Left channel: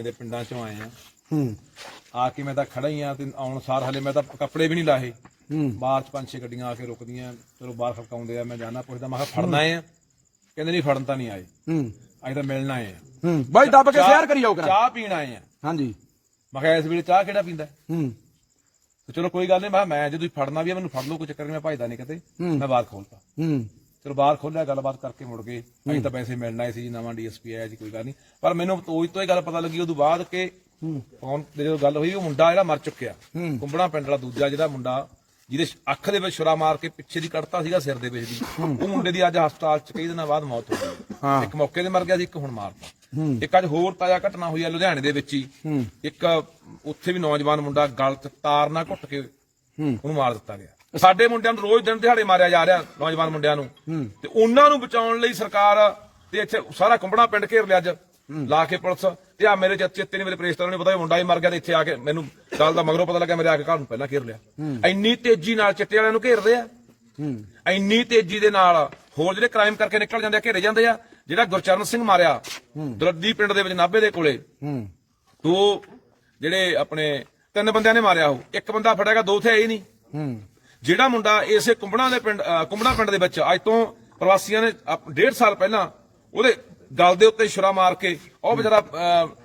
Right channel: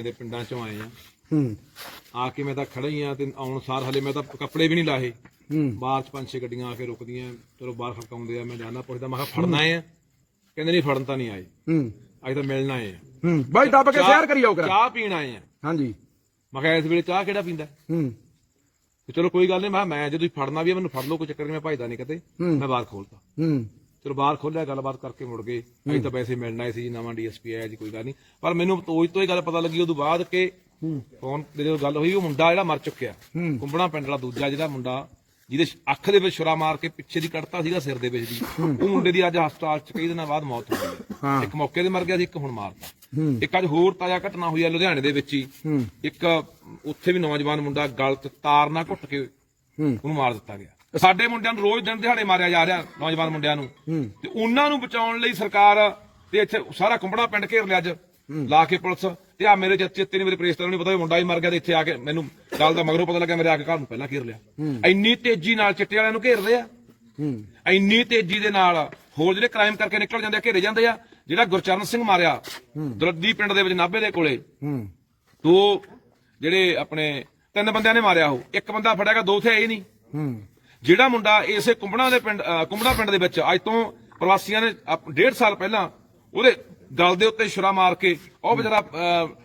ਲੁਧਿਆਣੇ ਦੇ ਪਿੰਡਾਂ ਚੋਂ ਆਏ ਆ। ਹੂੰ। ਆ ਕੇ ਮੈਂ ਤਾਂ ਖੜਾ ਹੀ ਆ ਤੇ ਆਉਣ ਸਾਰ ਹਲੇ ਮੈਂ ਤਾਂ ਕੱਪੜੇ ਵੀ ਨਹੀਂ ਲਾਹੇ ਹੂੰ। ਬਾਅਦ 'ਚ ਪੰਜ ਛੇ ਗੱਡੀਆਂ ਆ ਕੇ ਰੁਕਦੀਆਂ ਚਲੋ ਬਾਹਰ ਖੜਕਾਉਂਦੇ ਆ ਮੈਂ ਜਾਣਾ ਪੁੱਛਦਾ ਮੈਂ ਕਿਹਾ ਫੜਨਾ ਆ? ਕਹਿੰਦੇ ਨਹੀਂ ਫੜਨ ਤਾਂ ਨਹੀਂ ਆਏ। ਹੂੰ। ਅੱਜ ਤਾਂ ਮਿਲਣ ਆ। ਹੂੰ। ਬਾਈ ਦੱਬ ਕੇ ਸ਼ੇਅਰ ਕਰੀ ਆਓ ਕਰਾ। ਚਾਹ ਪੀਣ ਆਏ ਆ। ਹਾਂਜੀ। ਮੈਂ ਕਿਹਾ ਇਸ ਵੇਲੇ ਚਾਹ ਕਿਹੜਾ ਪੀਂਦਾ? ਹੂੰ। ਚਲੋ ਕੋਈ ਗੱਲ ਨਹੀਂ ਮੈਂ ਮੈਂ ਜੇ ਤੁਸੀਂ ਫੜਨਾ ਵੀ ਆ ਮੈਨੂੰ ਫੜ ਲਓ ਕੋਈ ਚੱਕਰ ਨਹੀਂ ਮੈਂ ਭਜਦਾ ਨਹੀਂ ਕਿਤੇ। ਮੈਂ ਬਾਹਰ ਖੋਲਤਾ। ਹੂੰ। ਚਲੋ ਬਾਹਰ ਖੋਲਿਆ ਗੱਲਬਾਤ ਕਰਕੇ ਮੁੜ ਗਏ। ਅਸੀਂ ਤਾਂ ਵੈਸੇ ਮਿਲਣਾ ਹੀ ਸੀ ਜੀ ਨਵਾਂ ਡੀਐਸਪੀ ਆਇਆ ਜੀ ਕੋਈ ਗੱਲ ਨਹੀਂ। ਪਰ ਮੈਨੂੰ ਤੋਜ ਤੋਂ ਇਹ ਗੱਲ ਪਤਾ ਲੱਗੀ ਉਦੋਂ ਬਾਅਦ ਕਿ ਕੌਣ ਜਦੋਂ ਗੱਲ ਹੋਈ ਉਹ ਮੁੰਡਾ ਜਿਹੜਾ ਮਰ ਚੁੱਕਿਆ। ਕੁੰਬੜਾ ਪਿੰਡ ਦਾ ਦੂਜਾ ਜਿਹੜਾ ਮੁੰਡਾ ਜਿਹਦੇ ਅੱਖ ਦੇ ਵਿੱਚ ਛੁਰਾ ਮਾਰ ਕੇ ਪਿੱਛੇ ਦੀ ਕੱਢਤਾ ਸੀਗਾ ਸਿਰ ਦੇ ਵਿੱਚ ਦੀ। ਉਹ ਮੁੰਡੇ ਦੀ ਅੱਜ ਹਸਪਤਾਲ 'ਚ ਕਈ ਦਿਨਾਂ ਬਾਅਦ ਮੌਤ ਹੋ ਗਈ। ਇੱਕ ਮੌਕੇ ਤੇ ਮਰ ਗਿਆ ਸੀ ਇੱਕ ਹੁਣ ਮਾਰਤਾ ਇੱਕ ਅੱਜ ਹੋਰ ਤਾਜ਼ਾ ਘਟਨਾ ਹੋਈ ਹੈ ਲੁਧਿਆਣੇ ਦੇ ਵਿੱਚ ਹੀ। ਇੱਕ ਉੱਥੇ ਵੀ ਨੌਜਵਾਨ ਮੁੰਡਾ ਗਲ 'ਚ ਤਾਰ ਨਾਲ ਘੁੱਟ ਕੇ ਉਹਨੂੰ ਮਾਰ ਦਿੱਤਾ ਗਿਆ। ਸਾਡੇ ਮੁੰਡਿਆਂ ਨੂੰ ਰੋਜ਼ ਦਿਨ ਦਿਹਾੜੇ ਮਾਰਿਆ ਜਾ ਰਿਹਾ ਨੌਜਵਾਨ ਮੁੰਡਿਆਂ ਨੂੰ। ਤੇ ਉਹਨਾਂ ਨੂੰ ਬਚਾਉਣ ਲਈ ਸਰਕਾਰ ਤੇ ਇੱਥੇ ਸਾਰਾ ਕੁੰਬੜਾ ਪਿੰਡ ਘੇਰ ਲਿਆ ਅੱਜ। ਲਾ ਕੇ ਪੁਲਿਸ। ਤੇ ਆ ਮੇਰੇ ਚੇਤੇ ਤੇ ਨਹੀਂ ਮੇਰੇ ਪ੍ਰੇਸਟਰ ਨੂੰ ਨੀ ਪਤਾ ਮੁੰਡਾ ਹੀ ਮਰ ਗਿਆ ਤੇ ਇੱਥੇ ਆ ਕੇ ਮੈਨੂੰ ਗੱਲ ਦਾ ਮਗਰੋਂ ਪਤਾ ਲੱਗਾ ਮੇਰੇ ਆ ਕੇ ਘਰ ਨੂੰ ਪਹਿਲਾਂ ਘੇਰ ਲਿਆ। ਇੰਨੀ ਤੇਜ਼ੀ ਨਾਲ ਚਿੱਟੇ ਵਾਲਿਆਂ ਨੂੰ ਘੇਰਦੇ ਆ। ਇੰਨੀ ਤੇਜ਼ੀ ਦੇ ਨਾਲ ਹੋਰ ਜਿਹੜੇ ਕ੍ਰਾਈਮ ਕਰਕੇ ਨਿਕਲ ਜਾਂਦੇ ਆ ਘੇਰੇ ਜਾਂਦੇ ਆ ਜਿਹੜਾ ਗੁਰਚਰਨ ਸਿੰਘ ਮਾਰਿਆ ਦਰਦੀ ਪਿੰਡ ਦੇ ਵਿੱਚ ਨਾਭੇ ਦੇ ਕੋਲੇ। ਦੋ ਜਿਹੜੇ ਆਪਣੇ ਤਿੰਨ ਬੰਦਿਆਂ ਨੇ ਮਾਰਿਆ ਉਹ। ਇੱਕ ਬੰਦਾ ਫੜਿਆਗਾ ਦੋ ਥੇ ਆਏ ਨਹੀਂ। ਜਿਹੜਾ ਮੁੰਡਾ ਇਸੇ ਕੁੰਬੜਾ ਦੇ ਪਿੰਡ ਕੁੰਬੜਾ ਪਿੰਡ ਦੇ ਵਿੱਚ ਅੱਜ ਤੋਂ ਪ੍ਰਵਾਸੀਆਂ ਨੇ ਆਪ- ਡੇਢ ਸਾਲ ਪਹਿਲਾਂ ਉਹਦੇ ਗਲ ਦੇ ਉੱਤੇ ਛੁਰਾ ਮਾਰ ਕੇ ਉਹ ਵਿਚਾਰਾ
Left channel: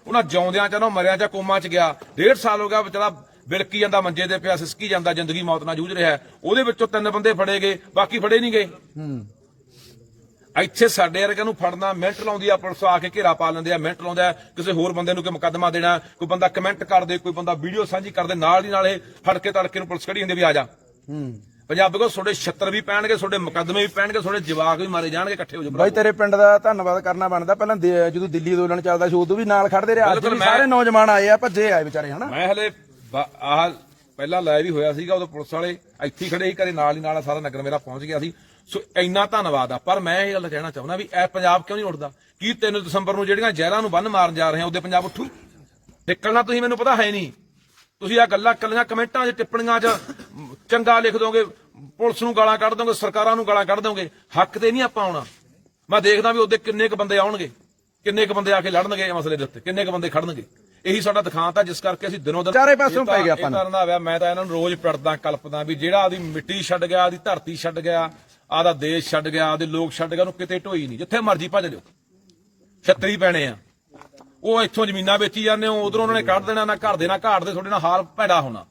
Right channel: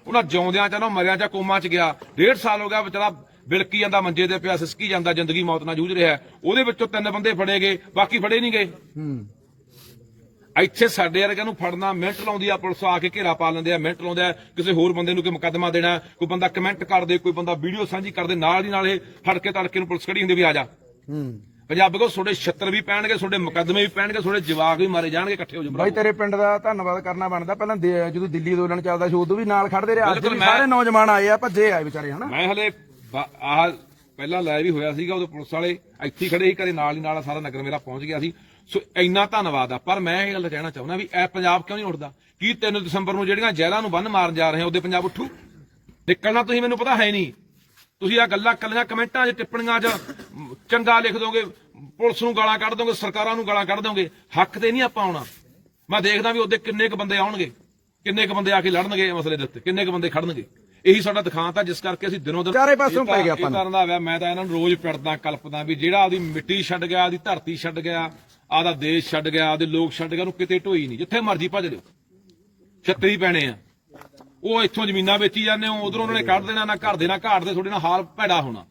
ਉਹਨਾਂ ਜਿਉਂਦਿਆਂ ਚ ਨਾ ਮਰਿਆ ਜਾਂ ਕੋਮਾ ਚ ਗਿਆ। ਡੇਢ ਸਾਲ ਹੋ ਗਿਆ ਵਿਚਾਰਾ ਬਿਲਕੀ ਜਾਂਦਾ ਮੰਜੇ ਤੇ ਪਿਆ ਸਿਸਕੀ ਜਾਂਦਾ ਜ਼ਿੰਦਗੀ ਮੌਤ ਨਾਲ ਜੂਝ ਰਿਹਾ। ਉਹਦੇ ਵਿੱਚੋਂ ਤਿੰਨ ਬੰਦੇ ਫੜੇ ਗਏ ਬਾਕੀ ਫੜੇ ਨਹੀਂ ਗਏ। ਇੱਥੇ ਸਾਡੇ ਵਰਗਿਆਂ ਨੂੰ ਫੜਨਾ ਮਿੰਟ ਲਾਉਂਦੀ ਆ ਪੁਲਿਸ ਆ ਕੇ ਘੇਰਾ ਪਾ ਲੈਂਦੇ ਆ ਮਿੰਟ ਲਾਉਂਦੇ ਆ ਕਿਸੇ ਹੋਰ ਬੰਦੇ ਨੂੰ ਕੋਈ ਮੁਕੱਦਮਾ ਦੇਣਾ ਕੋਈ ਬੰਦਾ ਕਮੈਂਟ ਕਰ ਦੇ ਕੋਈ ਬੰਦਾ ਵੀਡੀਓ ਸਾਂਝੀ ਕਰਦੇ ਨਾਲ ਦੀ ਨਾਲ ਇਹ ਫੜ ਕੇ ਤੜਕੇ ਨੂੰ ਪੁਲਿਸ ਖੜੀ ਹੁੰਦੀ ਵੀ ਆ ਜਾ। ਹੂੰ। ਪੰਜਾਬ ਕੋ ਤੁਹਾਡੇ 76 ਵੀ ਪੈਣਗੇ ਤੁਹਾਡੇ ਮੁਕੱਦਮੇ ਵੀ ਪੈਣਗੇ ਤੁਹਾਡੇ ਜਵਾਕ ਵੀ ਮਾਰੇ ਜਾਣਗੇ ਇਕੱਠੇ ਹੋ ਜਾਓ ਬਾਈ ਤੇਰੇ ਪਿੰਡ ਦਾ ਧੰਨਵਾਦ ਕਰਨਾ ਬਣਦਾ। ਪਹਿਲਾਂ ਦੇ- ਜਦੋਂ ਦਿੱਲੀ ਅੰਦੋਲਨ ਚੱਲਦਾ ਸੀ ਉਦੋਂ ਵੀ ਨਾਲ ਖੜਦੇ ਰਹੇ। ਅੱਜ ਬਿਲਕੁਲ ਵੀ ਮੈਂ- ਸਾਰੇ ਨੌਜਵਾਨ ਆਏ ਆ ਭੱਜੇ ਆਏ ਵਿਚਾਰੇ ਹਨਾ? ਮੈਂ ਹਲੇ ਬ- ਆਹ ਪਹਿਲਾਂ ਲਾਈਵ ਵੀ ਹੋਇਆ ਸੀਗਾ ਉਦੋਂ ਪੁਲਿਸ ਵਾਲੇ ਇੱਥੇ ਹੀ ਖੜੇ ਸੀ ਕਦੇ ਨਾਲ ਹੀ ਨਾਲ ਸਾਰਾ ਨਗਰ ਮੇਰਾ ਪਹੁੰਚ ਗਿਆ ਸੀ। ਸੋ ਇੰਨਾ ਧੰਨਵਾਦ ਆ। ਪਰ ਮੈਂ ਇਹ ਗੱਲ ਕਹਿਣਾ ਚਾਹੁੰਦਾ ਵੀ ਇਹ ਪੰਜਾਬ ਕਿਉਂ ਨਹੀਂ ਉੱਠਦਾ? ਕੀ 3 ਦਸੰਬਰ ਨੂੰ ਜਿਹੜੀਆਂ ਜ਼ਹਿਰਾਂ ਨੂੰ ਬੰਨ ਮਾਰਨ ਜਾ ਰਹੇ ਆ ਉਹਦੇ ਪੰਜਾਬ ਉੱਠੂ? ਨਿਕਲਣਾ ਤੁਸੀਂ ਮੈਨੂੰ ਪਤਾ ਹੈ ਨਹੀਂ। ਤੁਸੀਂ ਆ ਗੱਲਾਂ ਕੱਲੀਆਂ ਕਮੈਂਟਾਂ 'ਚ ਟਿੱਪਣੀਆਂ 'ਚ ਚੰਗਾ ਲਿਖ ਦੋਗੇ ਪੁਲਿਸ ਨੂੰ ਗਾਲਾਂ ਕੱਢ ਦੋਗੇ ਸਰਕਾਰਾਂ ਨੂੰ ਗਾਲਾਂ ਕੱਢ ਦੋਗੇ ਹੱਕ ਤੇ ਨਹੀਂ ਆਪਾਂ ਆਉਣਾ। ਮੈਂ ਦੇਖਦਾ ਵੀ ਉਹਦੇ ਕਿੰਨੇ ਕ ਬੰਦੇ ਆਉਣਗੇ ਕਿੰਨੇ ਕ ਬੰਦੇ ਆ ਕੇ ਲੜਨਗੇ ਇਹ ਮਸਲੇ ਦੇ ਉੱਤੇ ਕਿੰਨੇ ਕ ਬੰਦੇ ਖੜਨਗੇ। ਇਹੀ ਸਾਡਾ ਦਿਖਾਂਤ ਆ ਜਿਸ ਕਰਕੇ ਅਸੀਂ ਦਿਨੋਂ ਦਿਨ ਚਾਰੇ ਤਾਂ- ਪੈ ਗਿਆ ਆਪਾਂ ਨੂੰ। ਕਰਨ ਹੋਇਆ ਮੈਂ ਤਾਂ ਇਹਨਾਂ ਨੂੰ ਰੋਜ਼ ਪੜਦਾ ਕਲਪਦਾ ਵੀ ਜਿਹੜਾ ਆਦੀ ਮਿੱਟੀ ਛੱਡ ਗਿਆ ਆਦੀ ਧਰਤੀ ਛੱਡ ਗਿਆ ਆਦਾ ਦੇਸ਼ ਛੱਡ ਗਿਆ ਆਦੇ ਲੋਕ ਛੱਡ ਗਿਆ ਉਹਨੂੰ ਕਿਤੇ ਢੋਈ ਨਹੀਂ ਜਿੱਥੇ ਮਰਜ਼ੀ ਭੱਜ ਲਿਓ ਛੱਤਰੀ ਪੈਣੇ ਆ। ਉਹ ਇੱਥੋਂ ਜ਼ਮੀਨਾਂ ਵੇਚੀ ਜਾਂਦੇ ਹੋ ਉਧਰੋਂ ਉਹਨਾਂ ਨੇ ਕੱਢ ਦੇਣਾ ਨਾ ਘਰ ਦੇ ਨਾ ਘਾਟ ਦੇ ਤੁਹਾਡੇ ਨਾਲ ਹਾਲ ਭੈੜਾ ਹੋਣਾ।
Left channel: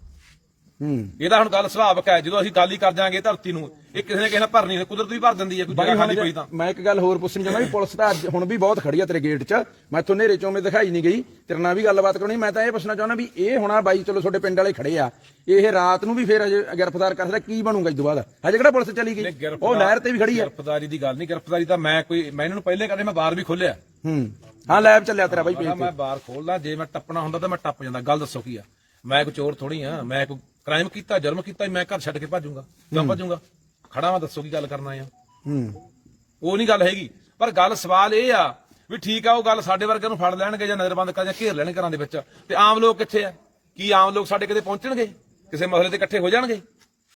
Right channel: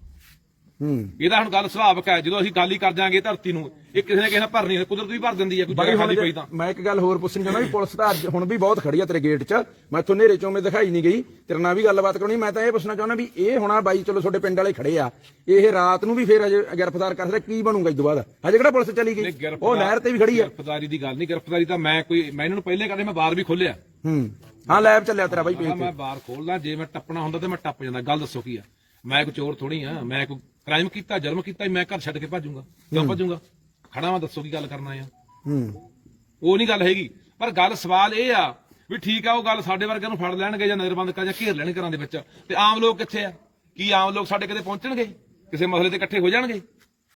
ਹੂੰ। ਇਹਦਾ ਹੁਣ ਗੱਲ ਸੁਭਾਵਕ ਹੈ ਜਦੋਂ ਅਸੀਂ ਗੱਲ ਹੀ ਕਰ ਜਾਾਂਗੇ ਧਰਤੀ ਨੂੰ ਇਹ ਕਿਸੇ ਨੇ ਕਿਸੇ ਨੇ ਭਰਨੀ ਨਹੀਂ ਕੁਦਰਤ ਵੀ ਭਰ ਦਿੰਦੀ ਹੈ ਕੋਈ ਜਗ੍ਹਾ ਖਾਲੀ ਪਈ ਤਾਂ। ਮੈਂ ਇੱਕ ਗੱਲ ਹੋਰ ਪੁੱਛਣੀ ਚਾਹੁੰਦਾ ਵੀ ਪੁਲਿਸ ਤਾਂ ਅੱਜ ਹੁਣ ਵੀ ਬਹੁਤ ਖੜੀ ਆ ਤੇਰੇ ਗੇਟ 'ਚ। ਮੈਂ ਇੱਥੋਂ ਨੇਰੇ ਚੋਂ ਮੇ ਦਿਖਾਈ ਨਹੀਂ ਗਈ ਤੇਰੇ ਨਾਲ ਵੀ ਗੱਲਬਾਤ ਕਰਨੀ ਮੈਂ ਤਾਂ ਇਹ ਪੁੱਛਣਾ ਚਾਹੁੰਦਾ ਵੀ ਇਹ ਹੋਣਾ ਬਾਈ ਚਲੋ ਤੁਹਾਡੇ ਪਿੰਡ ਵਾਲੇ ਖੜੇ ਆ ਇਹ ਰਾਤ ਨੂੰ ਵੀ ਫੇਰ ਹਜੇ ਗ੍ਰਿਫਤਾਰ ਕਰ ਸਕਦਾ ਕੀ ਬਣੂਗਾ ਇਸ ਤੋਂ ਬਾਅਦ ਹਜੇ ਕਿਹੜਾ ਪੁਲਿਸ ਚਲੀ ਗਈ? ਉਹ ਨਹਿਰ ਤੇ ਵੀ ਖੜੀ ਆ। ਗ੍ਰਿਫਤਾਰੀ ਦੀ ਗੱਲ ਨਹੀਂ ਗ੍ਰਿਫਤਾਰੀ ਤਾਂ ਮੈਂ ਕੋਈ ਮੈਂ ਇਹਨਾਂ ਨੂੰ ਪਹਿਲੇ ਕਹਿੰਦੇ ਮੈਂ ਬਾਹਰ ਵੀ ਖੋਲਿਆ ਹੂੰ। ਹਾਂ ਲੈਬ ਚੱਲਿਆ ਤੇਰਾ ਬਾਈ ਪੇਜ ਤੇ। ਮੈਂ ਬਾਹਰ ਖੋਲਦਾ ਜੇ ਮੈਂ ਟੱਪਣਾ ਹੁੰਦਾ ਤਾਂ ਮੈਂ ਟੱਪ ਜਾਂਦਾ ਗੱਲ ਦੱਸੋ ਕੀ ਆ? ਮੈਂ ਕੋਈ ਚੋਰ ਥੋੜੀ ਆ ਮੈਂ ਕੋਈ ਕ੍ਰਾਈਮ ਕੀਤਾ ਜਰਮ ਕੀਤਾ ਮੈਂ ਘਰ ਛੱਡ ਕੇ ਭੱਜੂਗਾ ਕਿਉਂ ਭੱਜੂਗਾ? ਖੜਾ ਵਾਂ ਦੱਸੋ ਕੀ ਗੱਲ ਕਰਨਾ ਆ। ਹੂੰ। ਉਹ ਨਹੀਂ ਗੱਲ ਹੈਗੀ। ਪਰ ਗੱਲ ਸਵਾਲ ਇਹ ਆ ਵੀ ਠੀਕ ਆ ਉਹ ਗੱਲ ਸਾਡੇ ਵਰਗਿਆਂ ਨੂੰ ਫੜ ਲੈਣਗੇ ਜਾਂ ਨਜ਼ਰਬੰਦ ਕਰ ਜਾਂ ਘੇਰ ਲੈਣ ਘਰਾਂ ਦੇ ਵਿੱਚ। ਤੇ ਆਮ ਲੋਕ ਕਿੱਥੇ ਆ? ਕੀ ਆਮ ਲੋਕ ਸਾਡੇ ਕਦੇ ਪਹੁੰਚਣਗੇ? ਕਿਸੇ ਮਸਲੇ ਤੇ ਇਕੱਠੇ ਹੋ ਜਾਣਗੇ?